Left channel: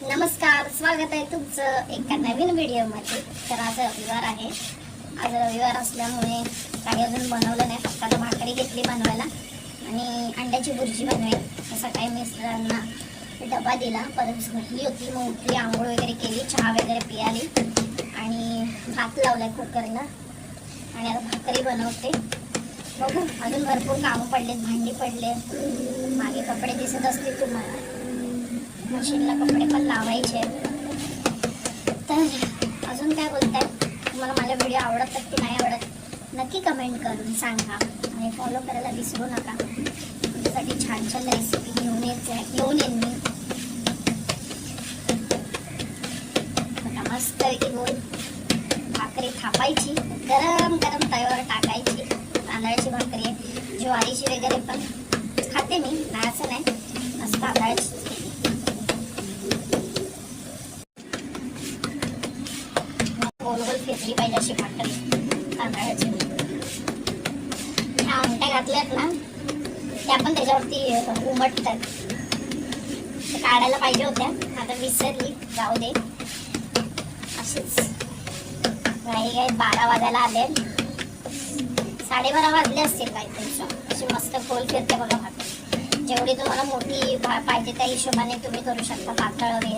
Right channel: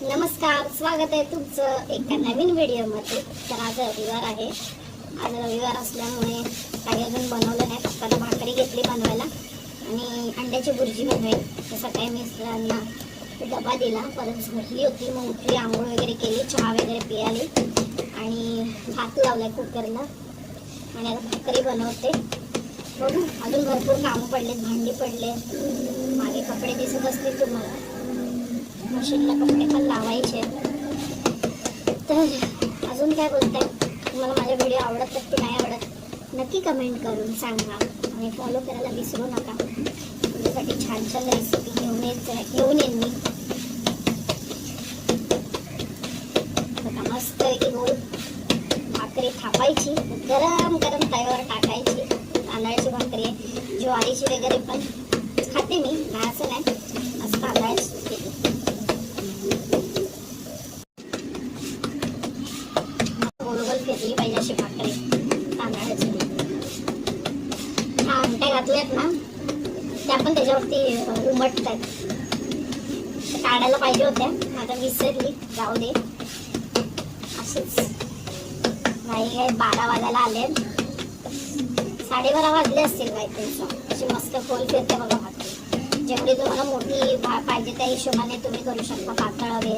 नमस्कार, स्वागत आहे तुमचं एका नवीन व्हिडिओमध्ये। तर आज रविवार आहे। आज रविवार असल्यामुळे काही अजून बनवलं नाही। फक्त भाकरी घेतली बनवायला आणि अंड्याची भुर्जी बनवायची। सकाळी मिस्टरांना डबा दिला, परत झोपली होती, मग उठली, आंघोळ वगैरे केली, चहा वगैरे पियाली आणि भात लावलाय कुकरला आणि आता भाकरी बनवते। बघू, अजून भरपूर कामं पडले, भांडी पडले, मागे कपडे दिसत असतील तुम्हाला, मशीनला कपडे पण लावायचे। तर अजून काय बोलताय, तुम्हाला माझे व्हिडिओ आवडतात की नाही आवडत नक्की कमेंट करून सांगा आणि फॉलो करायला विसरू नका। तुमच्यासाठी छान छान रेसिपी घेऊन येईन मी। आता मस्त की गोल भाकरी थापायची, गरम गरम तव्यावर टाकायची। तांदळाची भाकरी, ज्वारीची वगैरे पण खाते मी, नाही असं नाही, मस्त तांदळाची घेतली पाहिजे अशी भाकरी तांदळाची। ह्या आमट्या घातल्यात ना, त्या पण त्याच्यावरती उमटतात, काढायला पाहिजे होत्या, आता विसरली, जाऊ दे। असेच काही 12 वाजायला आले, 12:30 वाजले असतील काहीतरी। अशी मस्त खोल फिरते बघा भाकरी। जेवढी तुम्हाला मोठी पाहिजे त्या हिशोबाने तुम्ही करू शकता, पातळ हवे,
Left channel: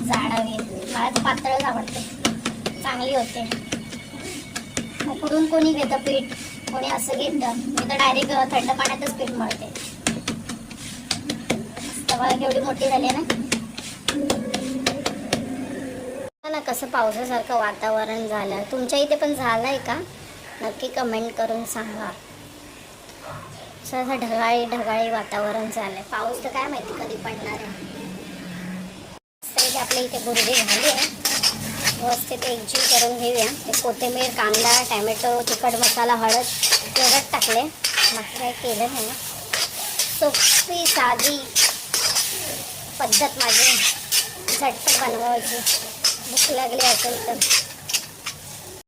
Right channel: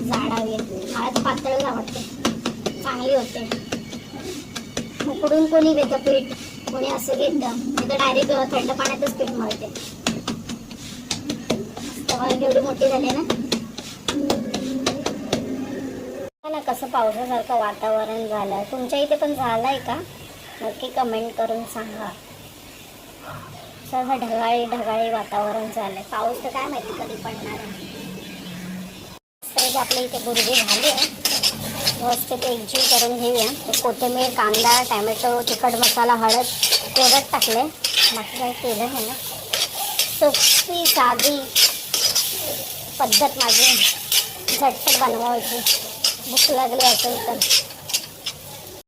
जाड हवे। मला तर पातळच आवडते, चांगली होते। उकडून कोणी घेतं पीठ, कोणी असं घेतं, मी तर डायरेक्ट थंड पाण्यातच पीठ मळते। मला केवढी मोठी झाली ना कसं पावसासारखं वातावरण झालं, तुमच्या इथे पण झालंय का नक्की कमेंट करून सांगा। असं ढगाळी ढगाळी वातावरण झालंय, पाऊस तर काय माहिती कधी पडणार आहे। आपल्या इथे भुर्जी झाली आहे, व्यवस्थित एकजीव करून घेऊया। कोथिंबीर, कांदा, टॅमॅटो, तिखट मसाला, हळद एवढंच टाकले, बाकी काही केलं नाही ना। सोपी साधी पद्धत माझी, झटपट बनवायची। भूक लागली असेल तर